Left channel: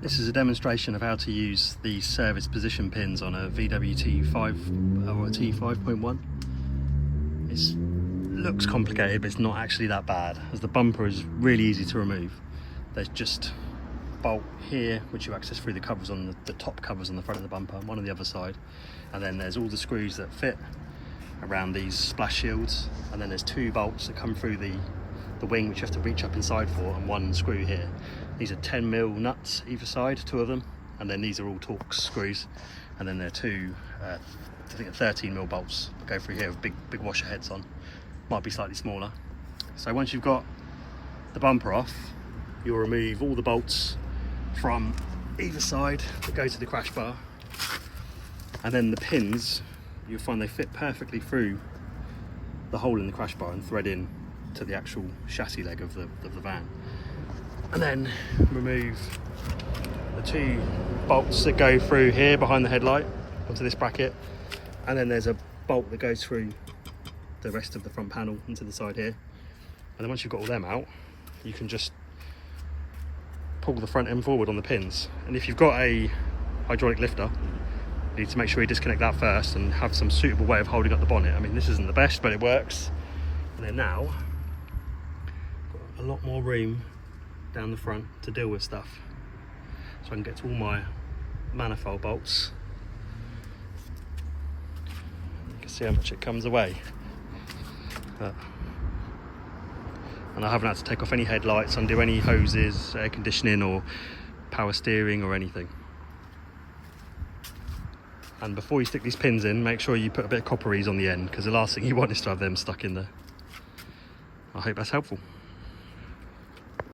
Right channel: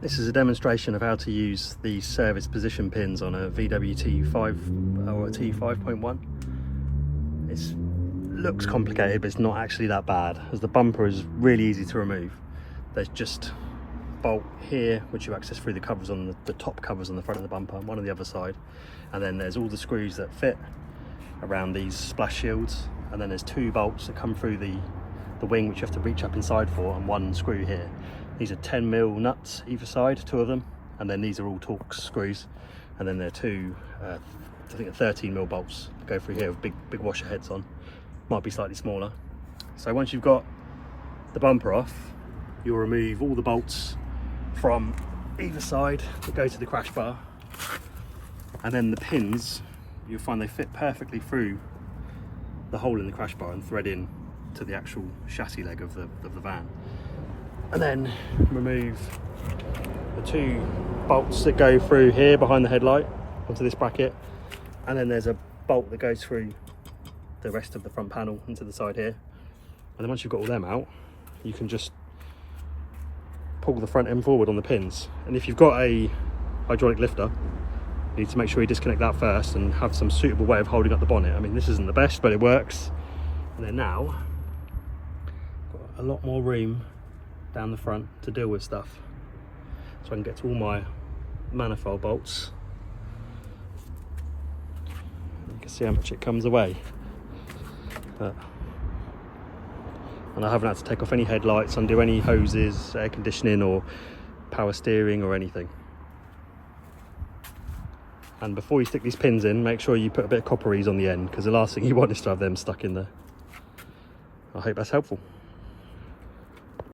This is a demonstration of how to use the service position pins on a VW T5 or a T5.1. It looks complicated, but it's not actually that bad, as the bumper is really easy to remove. There's just a bolt here which you access through the covers on the top covers on the front of the bumper, and one on the other side, and then there's all the screws that fit around these splash shields, and then there's two bolts that come through the wing which you have to reach up inside for, and one screw here. These are 10mm nuts either side, two of them, and then these are all Torx screws, and then there are two I think 13mm bolts go through here with big washer heads on. Might be slightly smaller. So once you've got the bumper off, you'll remove all the bolts from either side that go to the crash bar, and then the pins, you'll find they fit perfectly through the hole in the crash bar and thread in to the actual chassis leg of the van. And then remove the two bolts that go through here behind the headlight onto this bracket, and then there's a bolt that goes through the rest of the front panel into the side here. And then once you've got all them out, you can just pull the front end forward on the pins. And if you've got a hydraulic lifter, you need to make sure you disconnect that first and have some suitable way of holding up the bonnet. I mean, this isn't the best, but it works. And then now, got a lot more room down the front to deal with stuff, so I can get to all my manifold bolts. You can see how much it comes away, and I haven't had to take off any headlights, undo any hoses, air conditioning or power steering or anything. And before you stick these pins in, make sure you put a bit of copper ease on the end, because the last thing you want is to have them stuck in there. I hope that's helpful.